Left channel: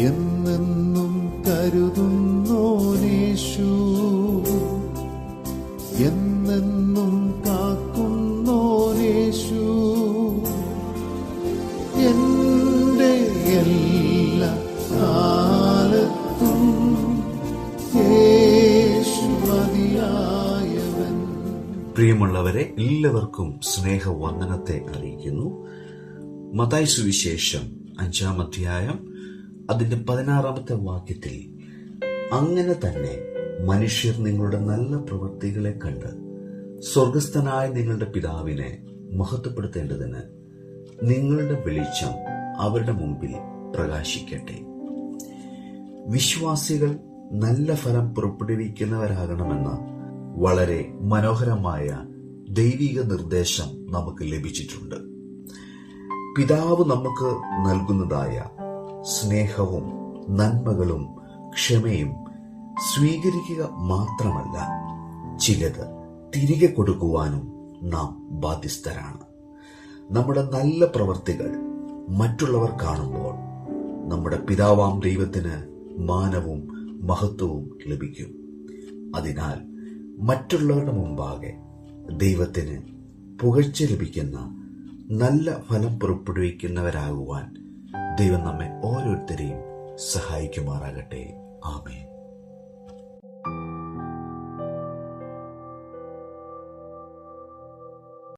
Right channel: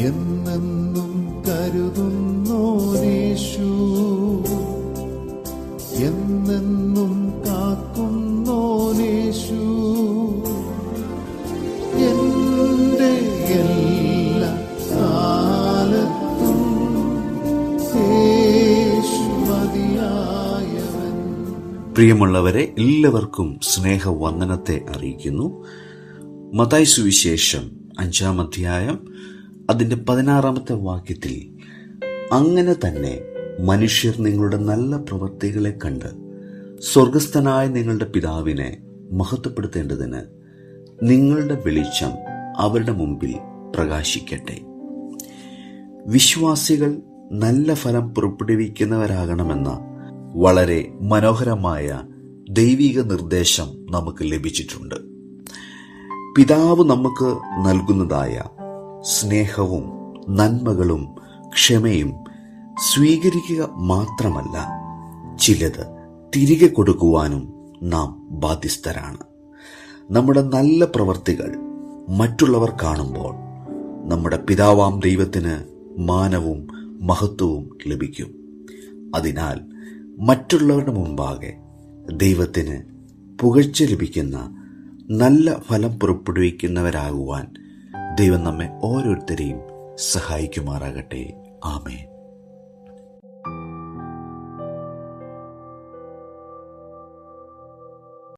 എന്നെന്നും കരുതുന്നോനേശു. എന്നെന്നും കാക്കുന്നോനേശു. എന്റെ എല്ലാ കാലത്തും യേശു മതിയായവൻ. പ്രിയമുള്ളവരെ എല്ലാവർക്കും സ്നേഹവന്ദനത്തെ അറിയിക്കുന്നു. മതായ സുവിശേഷം അഞ്ചാം അധ്യായം അതിന്റെ പതിനാറാമത്തെ വാക്യത്തിൽ അങ്ങനെ തന്നെ മനുഷ്യർ നിങ്ങളുടെ നല്ല പ്രവൃത്തികളെ കണ്ട് സ്വർഗസ്ഥനായ നിങ്ങളുടെ പിതാവിനെ മഹത്വപ്പെടുത്തേണ്ടതിന് നിങ്ങളുടെ വെളിച്ചം അവരുടെ മുമ്പിൽ പ്രകാശിക്കട്ടെ. വിശ്വാസികൾ നല്ല ഫലം പുറപ്പെടുവിക്കുന്നവരാകണമെന്ന വളരെ മനോഹരമായ ദൈവിക നിർദ്ദേശം നമുക്ക് ലഭിച്ചിട്ടുണ്ട്. പിതാവ് നമുക്ക് നൽകുന്നതായ സ്നേഹവും നന്മകളും ക്ഷമയും സ്വീകരിക്കുക മാത്രമല്ല ചിലത് തിരികെ കൊടുക്കുവാനും നാം ബാധ്യസ്ഥരാണ്. നമ്മുടെ നല്ല പ്രവർത്തികൾ മറ്റുള്ളവർ കാണുമ്പോൾ നമ്മുടെ പിതാവാം ദൈവത്തിന് മാനവും മഹത്വവും ലഭിക്കും. അതിനാൽ മറ്റുള്ളവരുടെ മുമ്പാകെ ദൈവത്തിന് പുകഴ്ച ലഭിക്കുന്ന നല്ല ഫലം പുറപ്പെടുവിക്കുന്നവരാകുവാൻ ദൈവം നമ്മെ ഓരോരുത്തരെയും സഹായിക്കുമാറാകട്ടെ. ആമേൻ.